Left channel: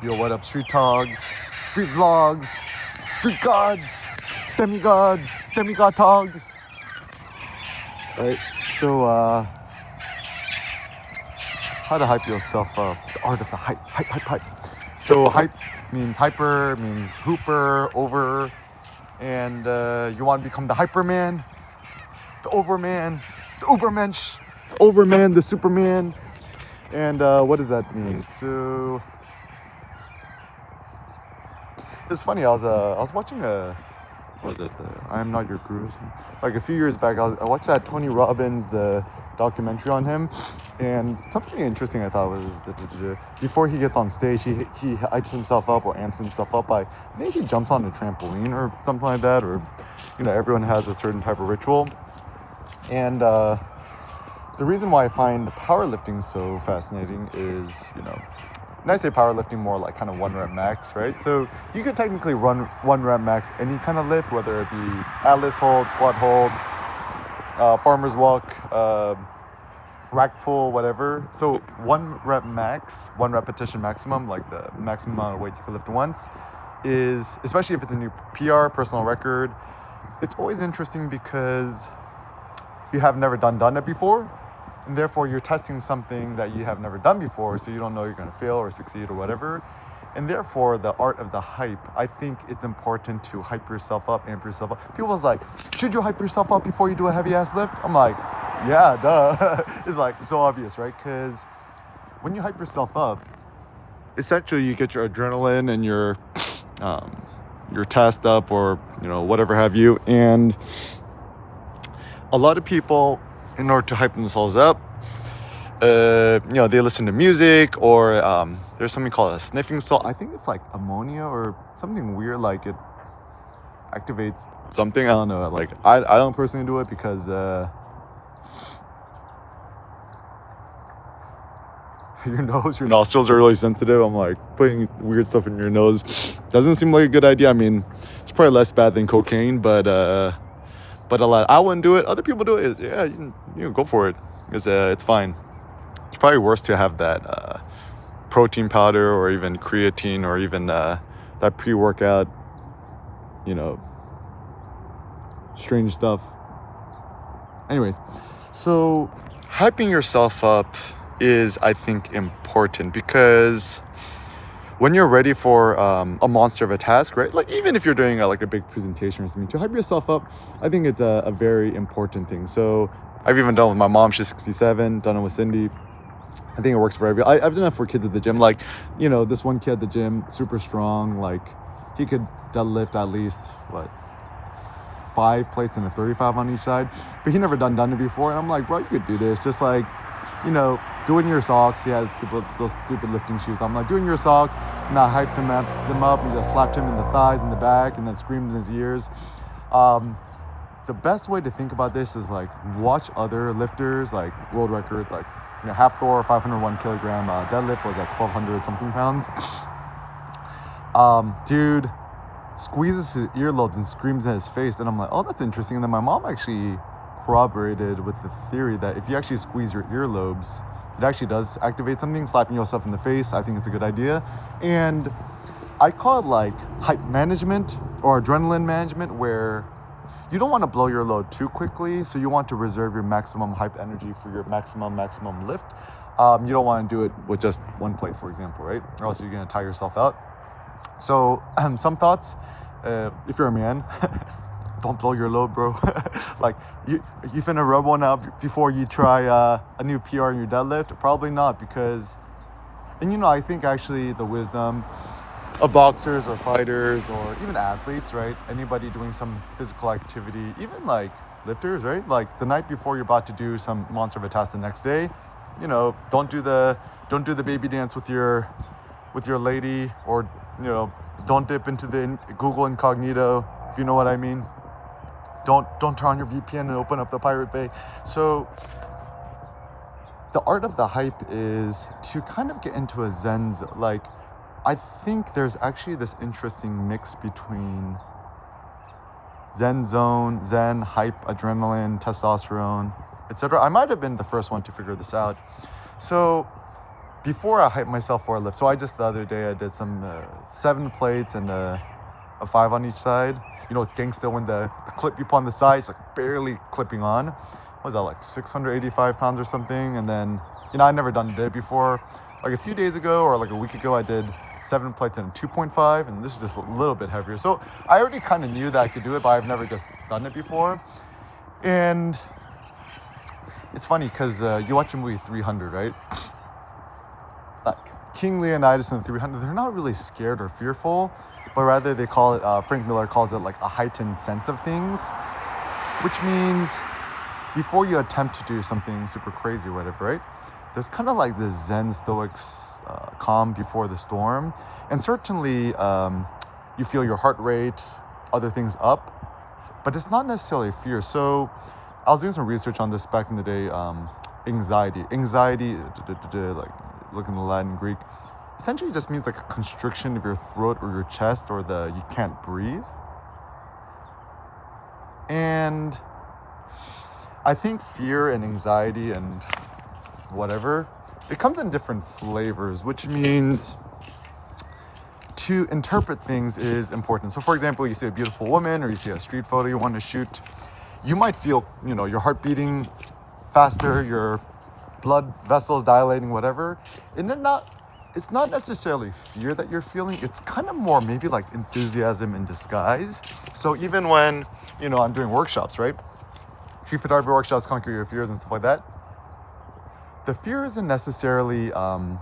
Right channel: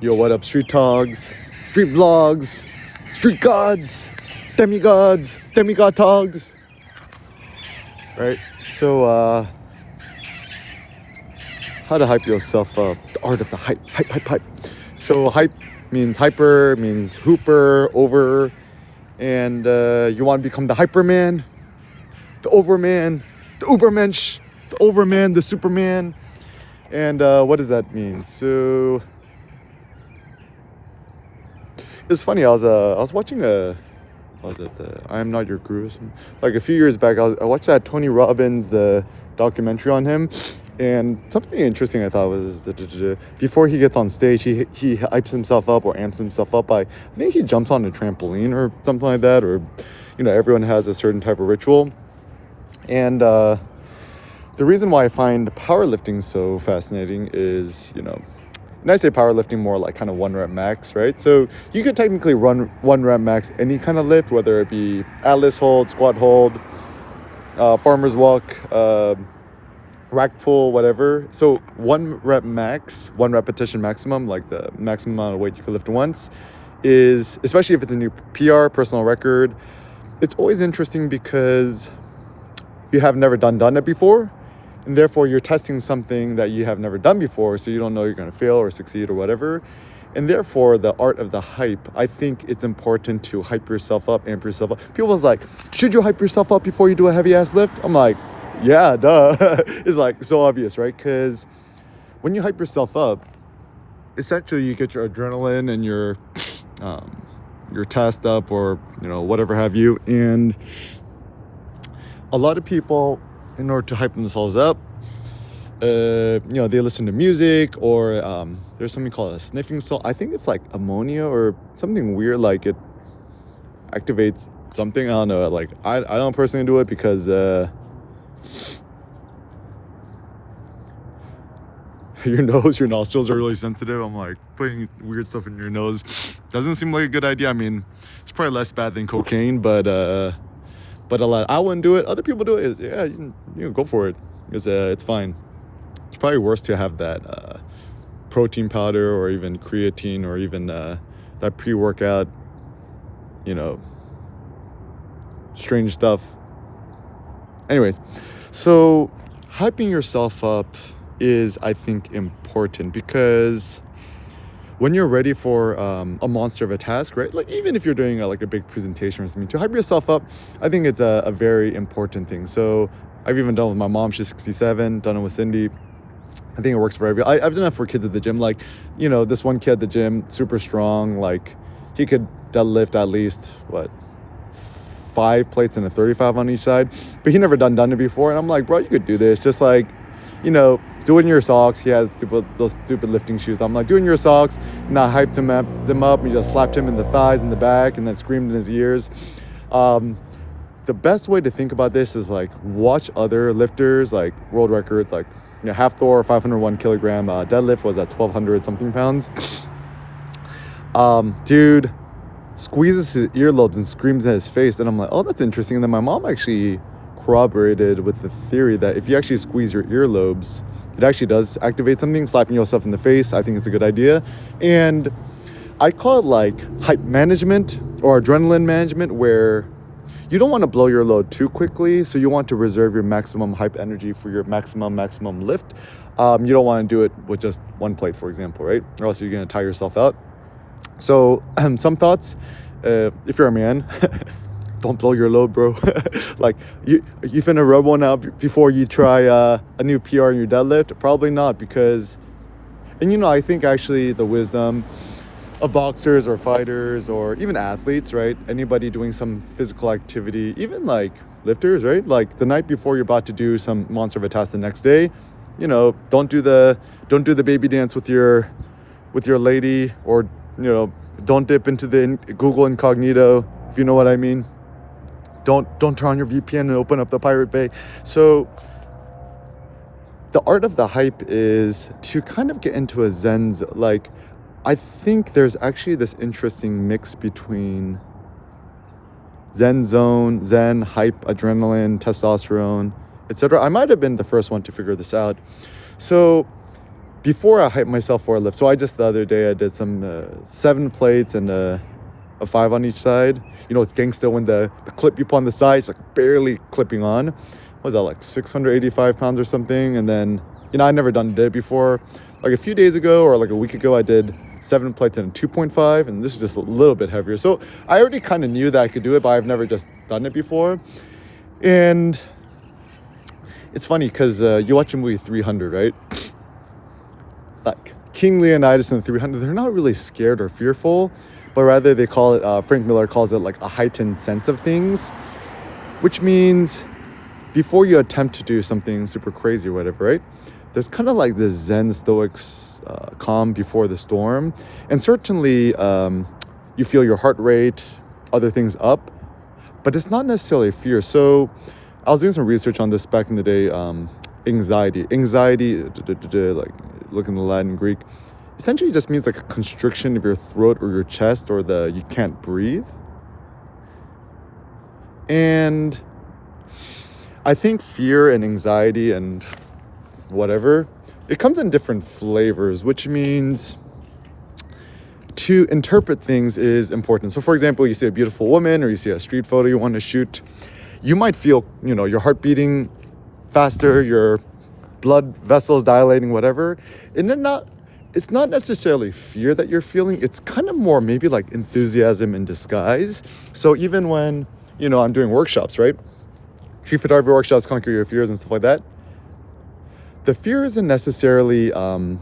Yo, what up, street togs, street vlogs, street gods, demigod togs. Right? So, how to hype yourself up. The art of the hype. So, hype means hyper, means hooper, over, and you want to become the hyperman, the overman, the ubermensch, the overman, the superman. And what does that mean? So, it's funny. I was watching what's that? The I Am Not Your Guru. Like a few years back, I watched that Tony Robbins, the documentary on him, and something interesting I thought was before he gets on stage, he hypes himself up or amps himself up by, I think he jumps on a trampoline or something like that, or everyone has a certain type of ritual. And the reason why I find powerlifting so fascinating is, when I say powerlifting, more like kind of 1 rep max, right? So you could technically run 1 rep max any kind of lift, whether it be Atlas hold, squat hold, farmer's walk, rack pull, whatever. So 1 rep max, 1 repetition maximum, like the maximum amount of weight you can lift once, is, especially if it's a new PR, personal record, it's always interesting because you have never done it before. And therefore, you're testing something that you have never done before, so you don't know you're going to fail or succeed or whatever. And therefore, the art of the hype, I think it's important to hype yourself up, amp yourself up. People's like, should you hype yourself up before you do a heavy-ass lift? I'm like, yeah, duh. It's like so obvious, right? Because when you hype yourself up, essentially you get your adrenaline and your test up, or whatever have you. And a lot of people, in order to hype themselves up, they listen to music, or there's something called a sniffing salt. I think it's like ammonia or something weird, like it activates something. I don't know. Like I don't personally do it because your nostrils are really sensitive. I'm like, putting weird stuff in your nose doesn't seem like a good idea. I mean, it's probably less bad than cocaine, but a lot. I wouldn't do it. Other people do it. Yeah, go for it. It's fine. It's probably worse to have that protein powder, or even creatine, or even that pre-workout, strange stuff. Anyways, so hyping yourself up is, I think, important, because when you're ready for a monster of a task, right? Like even if you're doing a big presentation or something, to hype yourself up, I think it's a very important thing. So I've even done it with my mom. She's 67. Done it with Cindy. I think it works for everybody. I've done that for kids at the gym. Like, this one kid at the gym, super strong. Like he could deadlift at least 5 plates and a 35 on each side, but he never done it before. And I'm like, bro, you could do this. Just like, do it in your socks. He has those stupid lifting shoes. I'm like, do it in your socks. And I hyped them up. And just slapped him in the thighs and the back, and then screamed in his ears. The best way to think about this is like watch other lifters, like world records, like half Thor 501 kilogram deadlift was at 1,200 something pounds. Dude squeezes his earlobes and screams at his face, and I'm like, oh, that's interesting. And then my mom actually corroborated with the theory that if you actually squeeze your earlobes, it actually does activate something. Slapping yourself in the face, I think it's a good idea. And I call it like hype management or adrenaline management, where you don't want to blow your load too quickly, so you want to reserve your maximum hype energy for your maximum lift. You don't want to do it with just 1 plate, for example, right? Or else you're going to tire yourself out. So some thoughts, if you're a man, don't blow your load, bro. Like you finna rub one out before you try a new PR in your deadlift? Probably not, because, and I think actually the wisdom of boxers or fighters or even athletes, right? Anybody doing some physical activity, even like lifters, right? Like the night before you're about to do some monster of a task the next day, don't do the baby dance with your lady, or don't dip into the Google Incognito, if you know what I mean. Don't turn on your VPN and open up the Pirate Bay. So the art of the hype is to kind of get into a zen. Like, I think there's actually this interesting mix between zen zone, zen, hype, adrenaline, testosterone, etc. I might have been the first one to figure this out. So before I hype myself for a lift. So I just the other day I did some 7 plates and a 5 on each side. You know, it's gangsta when the clip you put on the side is like barely clipping on. What was that, like 685 pounds or something? And then, you know, I never done a day before. Like a few days ago or like a week ago, I did 7 plates and a 2.5, and this is just a little bit heavier. So I already kind of knew that I could do it, but I've never just done it before. And it's funny because you watch a movie 300, right? Like King Leonidas in 300, they're not really scared or fearful, but rather they call it, Frank Miller calls it like a heightened sense of things, which means before you attempt to do something super crazy or whatever, right? There's kind of like this Zen Stoic calm before the storm. And certainly you feel your heart rate, other things up, but it's not necessarily fear. So I was doing some research on this back in the day. Anxiety, like looking at Latin and Greek, essentially just means like a constriction of your throat or your chest, or you can't breathe. And I think fear and anxiety and whatever, it comes in different flavors, which means to interpret things is important. So for example, you see a beautiful woman or you see a street photo you want to shoot, you might feel, you know, your heart beating faster, your blood vessels dilating, whatever. And it's not necessarily fear that you're feeling, it's kind of more maybe like enthusiasm in disguise. So even when, you know, I'm doing workshops, right? Street photography workshops, conquer your fears and stuff like that. The fear isn't necessarily like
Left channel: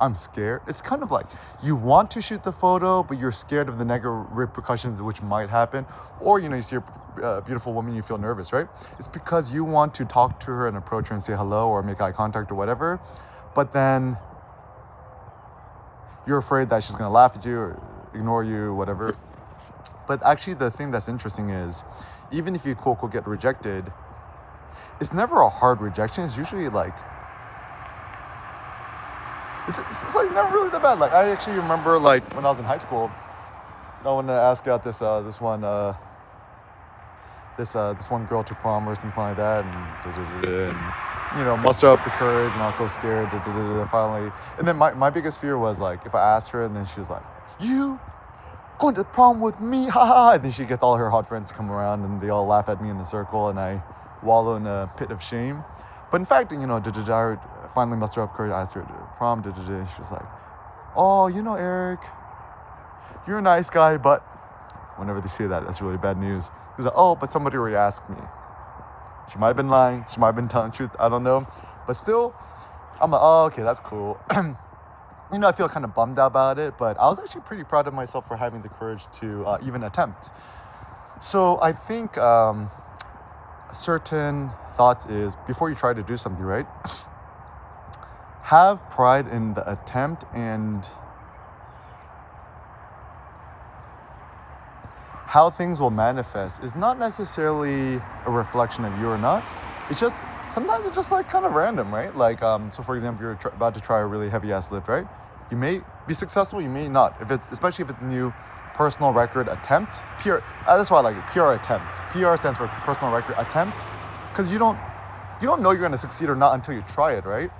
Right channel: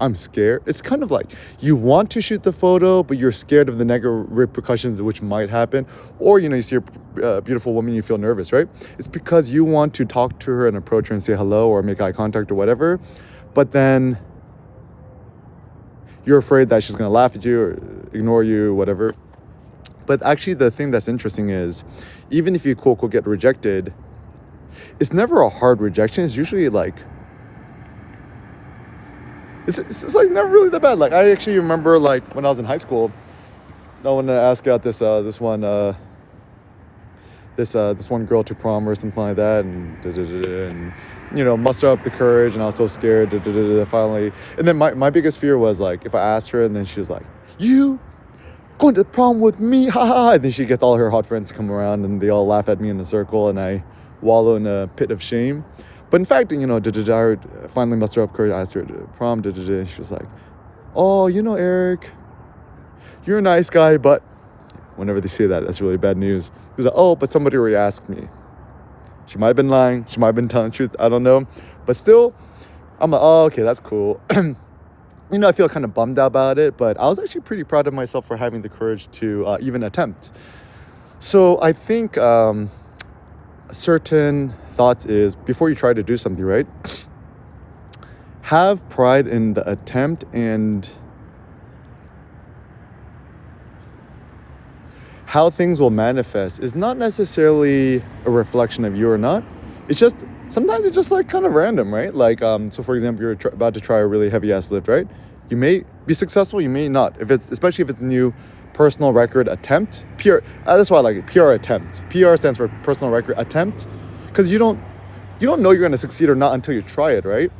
I'm scared. It's kind of like you want to shoot the photo, but you're scared of the negative repercussions which might happen. Or, you know, you see a beautiful woman, you feel nervous, right? It's because you want to talk to her and approach her and say hello or make eye contact or whatever. But then you're afraid that she's going to laugh at you or ignore you, whatever. But actually the thing that's interesting is, even if you quote unquote get rejected, it's never a hard rejection. It's usually like, it's like never really that bad. Like I actually remember like when I was in high school, I wanted to ask out this one girl to prom or something like that, and you know, muster up the courage, and I was so scared, finally. And then my biggest fear was like if I asked her and then she was like, "You going to the prom with me, haha," and then she gets all her hot friends to come around and they all laugh at me in a circle and I wallow in a pit of shame. But in fact, you know, I finally muster up courage, I asked her to prom, and she was like, "Oh, you know, Eric, you're a nice guy, but," whenever they say that, that's really bad news. He was like, "Oh, but somebody already asked me." She might have been lying, she might have been telling the truth, I don't know. But still, I'm like, oh, okay, that's cool. You know, I feel kind of bummed out about it, but I was actually pretty proud of myself for having the courage to even attempt. So I think certain thoughts is, before you try to do something, right, have pride in the attempt, and how things will manifest is not necessarily a reflection of you or not. It's just, sometimes it's just like kind of random, right? Like, so for example, you're about to try a really heavy ass lift, right? You may be successful, you may not. Especially if it's a new personal record attempt, PR, that's why I like it, PR attempt. PR stands for personal record attempt, because you don't know you're going to succeed or not until you try it, right?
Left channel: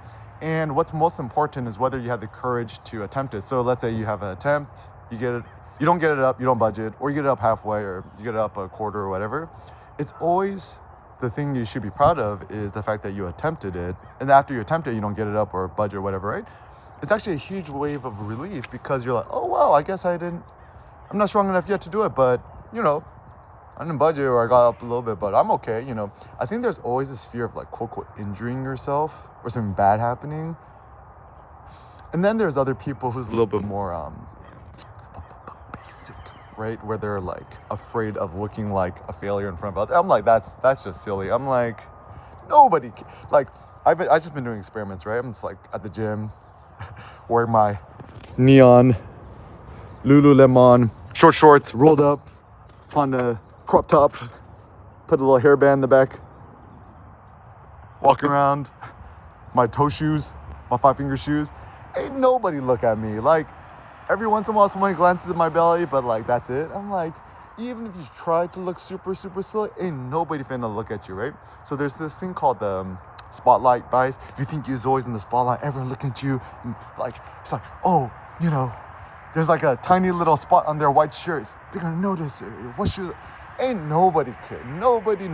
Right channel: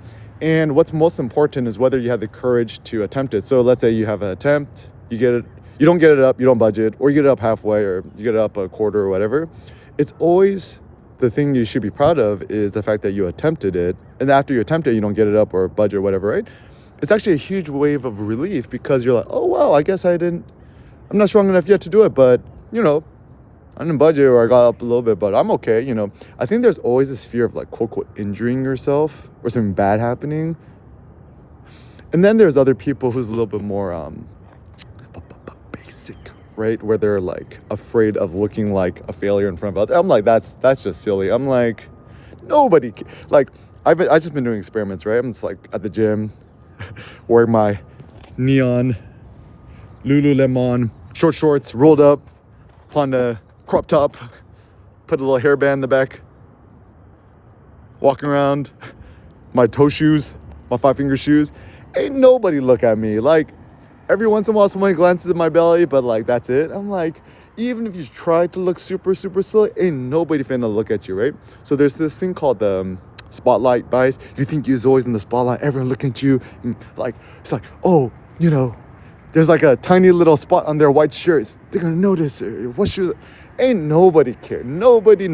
And what's most important is whether you have the courage to attempt it. So let's say you have an attempt, you get it, you don't get it up, you don't budget, or you get it up halfway, or you get it up a quarter or whatever. It's always, the thing you should be proud of is the fact that you attempted it. And after you attempt it, you don't get it up or budget or whatever, right? It's actually a huge wave of relief, because you're like, oh wow, I guess I'm not strong enough yet to do it, but you know, I didn't budget or I got up a little bit, but I'm okay, you know. I think there's always this fear of like quote unquote injuring yourself or something bad happening. And then there's other people who's a little bit more basic, right? Where they're like afraid of looking like a failure in front of others. I'm like, that's just silly. I'm like, nobody, like, I've just been doing experiments, right? I'm just like at the gym, wearing my neon Lululemon short shorts, rolled up on a crop top, put a little hairband in the back, walking around, my toe shoes, my 5-finger shoes. Ain't nobody look at me. Like, every once in a while somebody glances at my belly, but like, that's it. I'm like, even if you try to look super, super silly, ain't nobody finna look at you, right? So there's this thing called the spotlight bias. You think you're always in the spotlight, everyone looking at you, and like it's like, oh, there's like a tiny little spot on their white shirts. They're gonna notice what shoes. Ain't nobody care. Nobody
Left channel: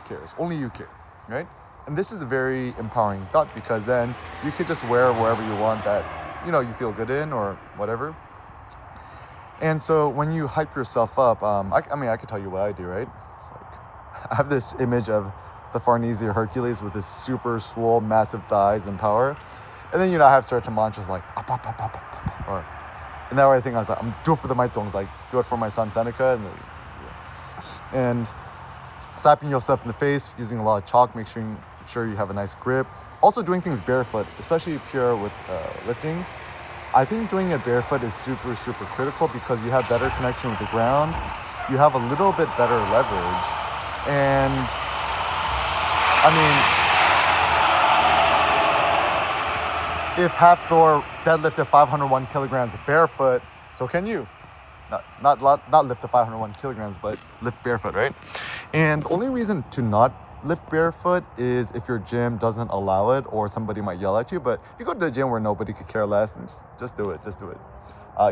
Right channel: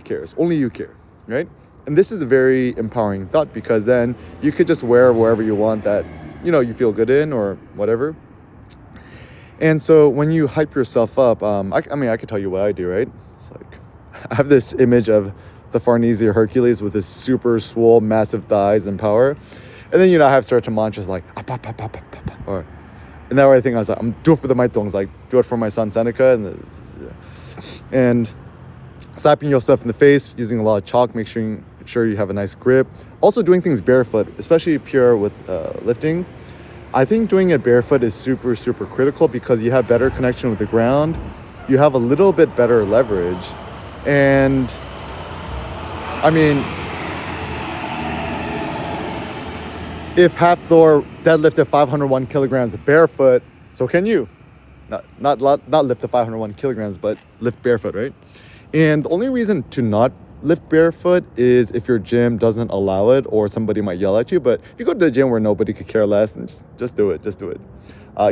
cares. Only you care, right? And this is a very empowering thought, because then you could just wear wherever you want that, you feel good in or whatever. And so when you hype yourself up, I could tell you what I do, right? It's like, I have this image of the Farnese or Hercules with his super swole, massive thighs and power. And then, I have certain mantras like, and that way I think I was like, I'm do it for the Maitongs, like do it for my son Seneca. And slapping yourself in the face using a lot of chalk, make sure you have a nice grip. Also doing things barefoot, especially pure with lifting. I think doing it barefoot is super critical, because you have better connection with the ground. You have a little bit better leverage. And I mean, if Hafthor deadlifted 501 kilograms barefoot, so can you. Not lift the 501 kilograms, but lift barefoot, right? And the only reason to not lift barefoot is if your gym doesn't allow it, or somebody might yell at you. But if you go to the gym where nobody could care less, then just do it.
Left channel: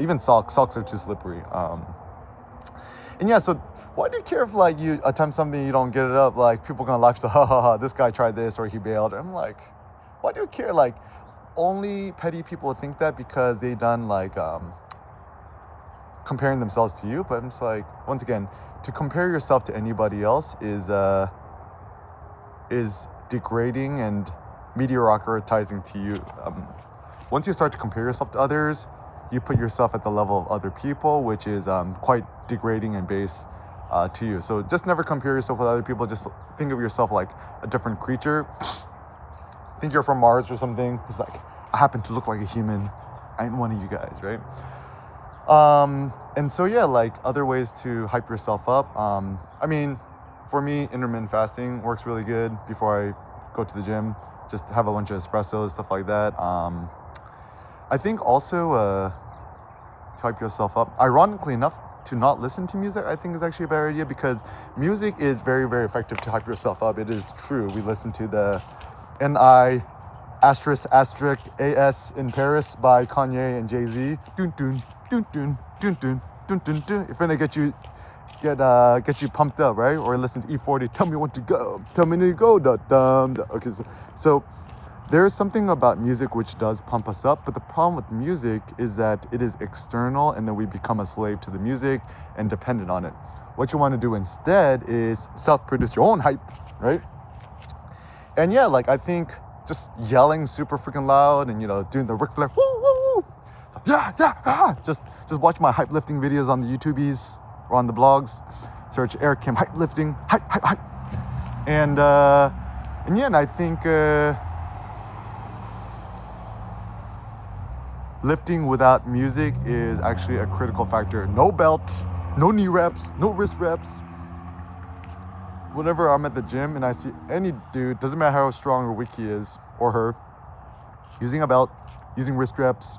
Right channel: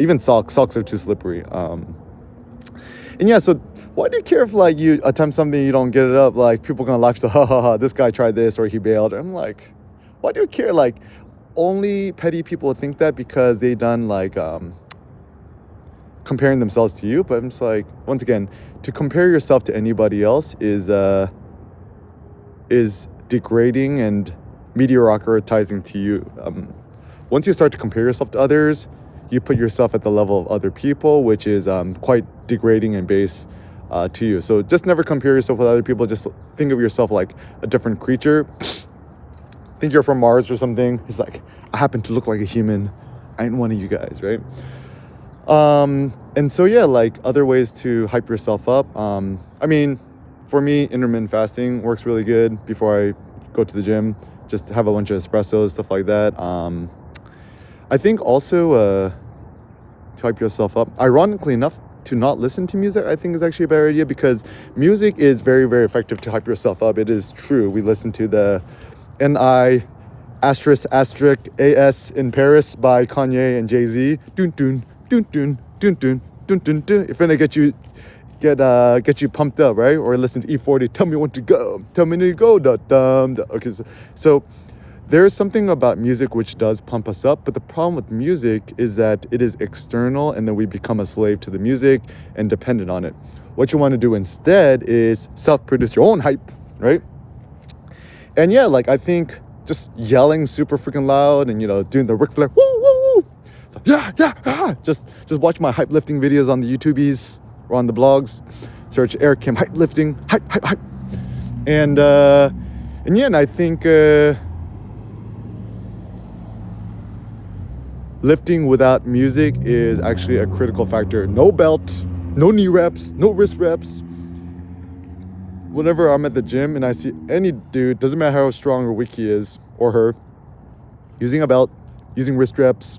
Even socks are too slippery. And yeah, so why do you care if like you attempt something, you don't get it up? Like people are gonna laugh to, ha, this guy tried this or he bailed. I'm like, why do you care? Like only petty people think that because they done like comparing themselves to you. But I'm just like, once again, to compare yourself to anybody else is degrading and mediocritizing to you. Once you start to compare yourself to others, you put yourself at the level of other people, which is quite degrading and base to you. So just never compare yourself with other people. Just think of yourself like a different creature. Think you're from Mars or something. It's like, I happen to look like a human. I ain't one of you guys, right? And so yeah, like other ways to hype yourself up. I mean, for me, intermittent fasting works really good before I go to the gym. Just have a bunch of espressos, stuff like that. I think also to hype yourself up, ironically enough, to not listen to music, I think is actually a better idea, because music is very effective to hype yourself up. It is true. We listen to the N.I. ******** AS in Paris by Kanye and Jay-Z. Dun dun dun dun dun dun dun dun dun. If gonna get you pumped up, right? Or listen to E40, tell me when to go. Tell me to go. Da dum. Okay, so there's something about music which does pump us up, but the problem with music is that it is external, and then we become a slave to the music and dependent on it. What you want to do instead is self-produce your own hype, right? And yeah, like I think just yelling super freaking loud and doing the Ric Flair woo woo woo. So, yeah. Just watch my hype lifting videos on the YouTubies or on the blogs. Search Eric Kim hype lifting, hype. And yeah, and I think lifting without music is actually a critical factor. No belt, no knee reps, no wrist reps. Whenever I'm at the gym and I see any dude, doesn't matter how strong or weak he is or her, using a belt, using wrist reps,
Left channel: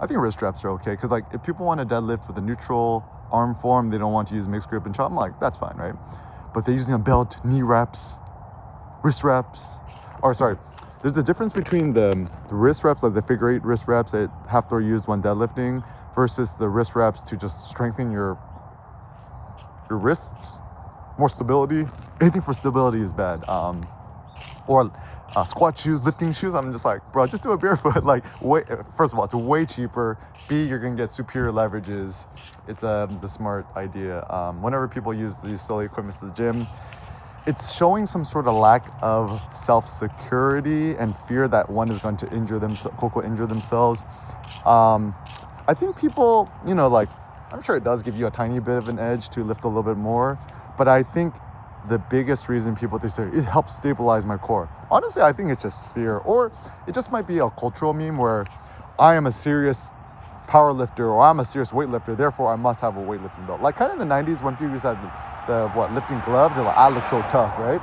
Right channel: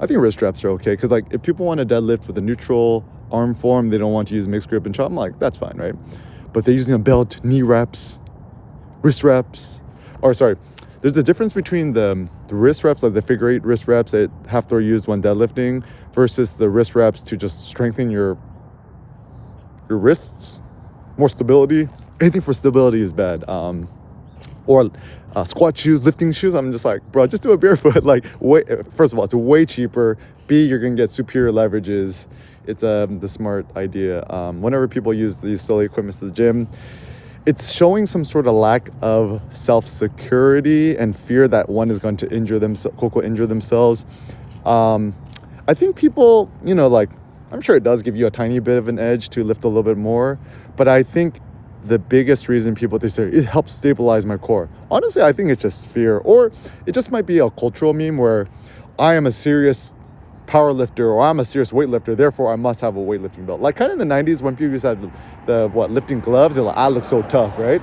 I think wrist reps are okay. Because like if people want to deadlift with a neutral arm form, they don't want to use mixed grip and chop, I'm like, that's fine, right? But they're using a belt, knee reps, wrist reps, there's a difference between the wrist reps, like the figure 8 wrist reps that Hafthor used when deadlifting, versus the wrist reps to just strengthen your wrists, more stability. Anything for stability is bad. Or squat shoes, lifting shoes. I'm just like, bro, just do it barefoot. Like, first of all, it's way cheaper. B, you're gonna get superior leverages. It's the smart idea. Whenever people use these silly equipment to the gym, it's showing some sort of lack of self-security and fear that one is going to injure themselves. I think people, like, I'm sure it does give you a tiny bit of an edge to lift a little bit more, but I think the biggest reason they say it helps stabilize my core. Honestly, I think it's just fear, or it just might be a cultural meme where I am a serious power lifter or I'm a serious weightlifter, therefore I must have a weightlifting belt. Like kind of in the 90s when people used to have the lifting gloves, and like, I look so tough, right?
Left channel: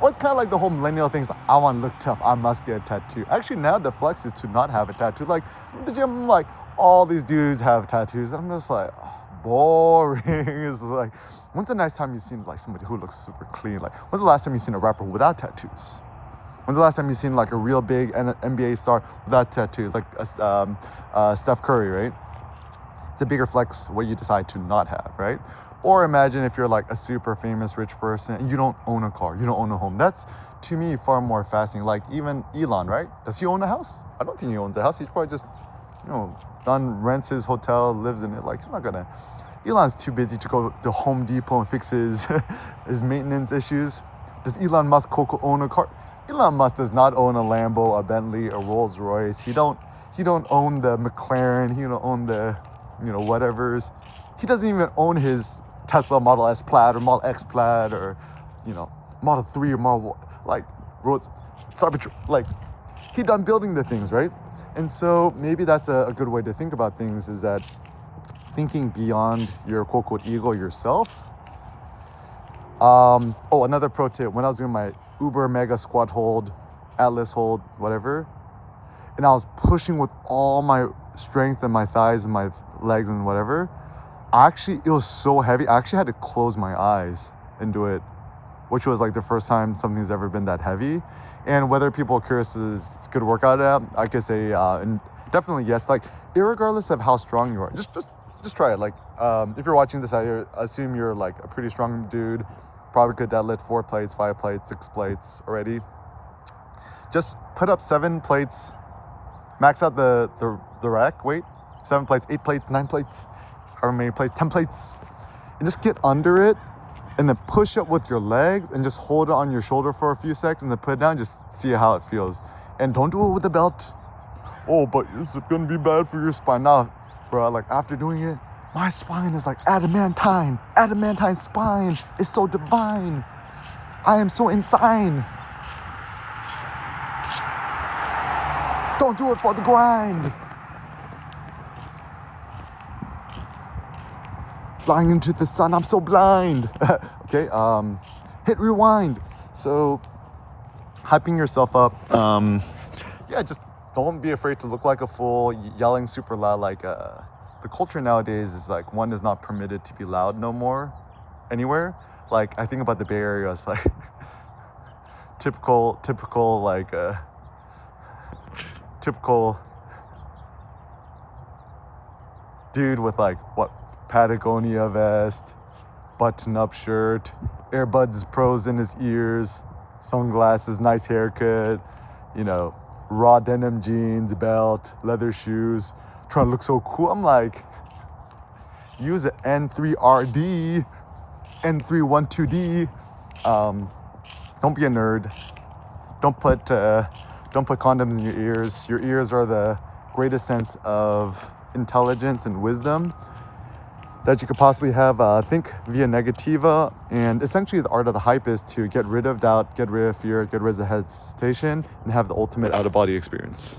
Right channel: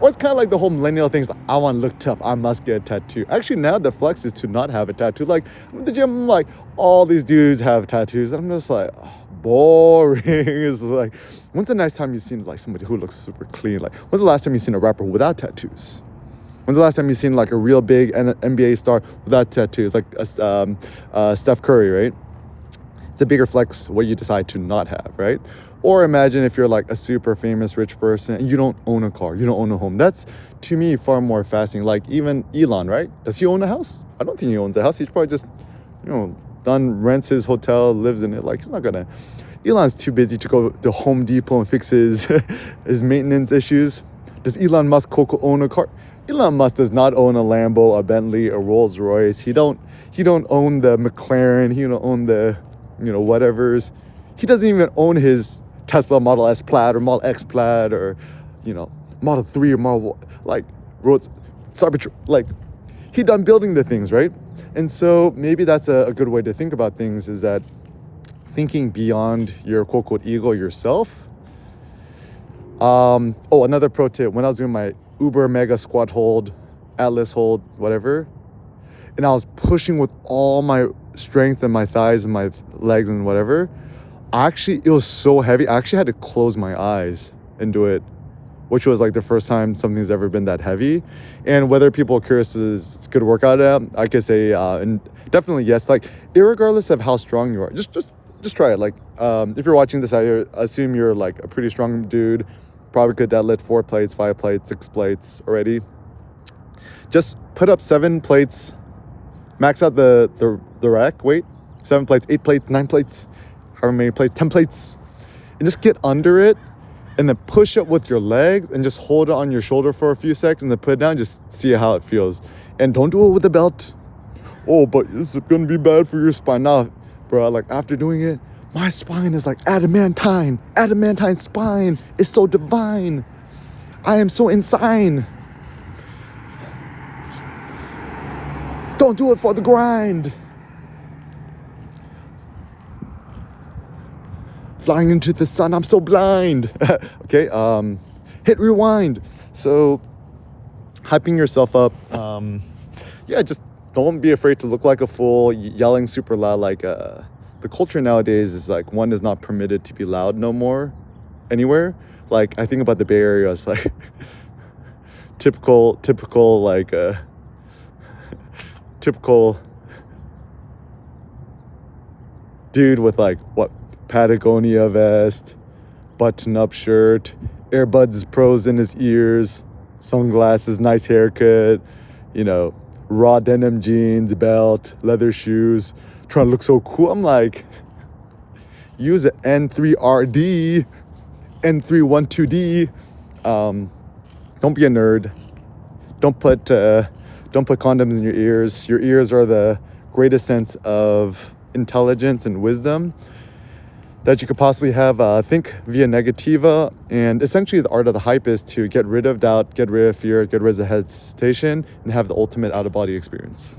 Or it's kind of like the whole millennial thing, like, I want to look tough, I must get a tattoo. Actually, now the flex is to not have a tattoo. Like the gym, like all these dudes have tattoos, and I'm just like, boring. It's like, when's the next time you've seen like somebody who looks super clean? Like, when's the last time you've seen a rapper without tattoos? When's the last time you've seen like a real big NBA star without tattoos, like Steph Curry, right? It's a bigger flex what you decide to not have, right? Or imagine if you're like a super famous rich person and you don't own a car, you don't own a home. That's, to me, far more fascinating. Like even Elon, right? Does he own a house? I don't think he owns a house. He's probably just, rents his hotel, lives in it. Like, he's not gonna. Elon's too busy to go to Home Depot and fix his his maintenance issues. Does Elon Musk own a car? Elon Musk does not own a Lambo, a Bentley, a Rolls Royce. He don't own the McLaren. He don't own the, whatevers. He doesn't even own his Tesla Model S Plaid or Model X Plaid or, Model 3 or Model, like, roads, Cybertruck. Like, he done building the things, right? And so maybe that's a good way to think about things, is that thinking beyond your quote-unquote ego yourself. Another pro tip. When I was doing my Uber Mega Squat Hold, Atlas Hold, whatever, and I was pushing with all my strength in my thighs and my legs and whatever, it was so heavy. I actually had to close my eyes and do it, which was like the first time something's ever been that heavy. And whether people are curious is a good workout at, I could say, and definitely yes. Like, irregardless of how strong you are, just try it. Like, if you're watching this, I assume you're like a pretty strong dude. Probably could deadlift 4 plates, 5 plates, 6 plates already. Just put up 7 plates, max out the rack weight, 7 plates, 8 plates, 9 plates, however many plates, 10 plates, and just get under it, and then push up with your leg and just hold it on your shoulder for a few seconds and then put it down, just see how it feels. And don't do it with a belt. Oh, but this is gonna be bad for your spine. Now, bro, like, after doing it, my spine is like adamantine spine. It's so divine. I am so insane. Don't do it for the grind. Flying into the sun, I'm so blind. Okay, hit rewind. So, hyping yourself up. Just don't be afraid to look like a fool, yelling super loud. Like, the culture nowadays is like, one is not permitted to be loud no more anywhere. Like, I think about the Bay Area, it's like typical like typical dude with like Patagonia vest, button-up shirt, AirBuds Pros in his ears, sunglasses, nice haircut, raw denim jeans, belt, leather shoes, trying to look so cool. I'm like, use an N3RD, N312D. Don't be a nerd. Don't put condoms in your ears. Your ears are the greatest sense of intelligence and wisdom that you could possibly have. Think via negativa, and essentially the art of the hype is to get rid of doubt, get rid of fear, get rid of hesitation, and have the ultimate out-of-body experience.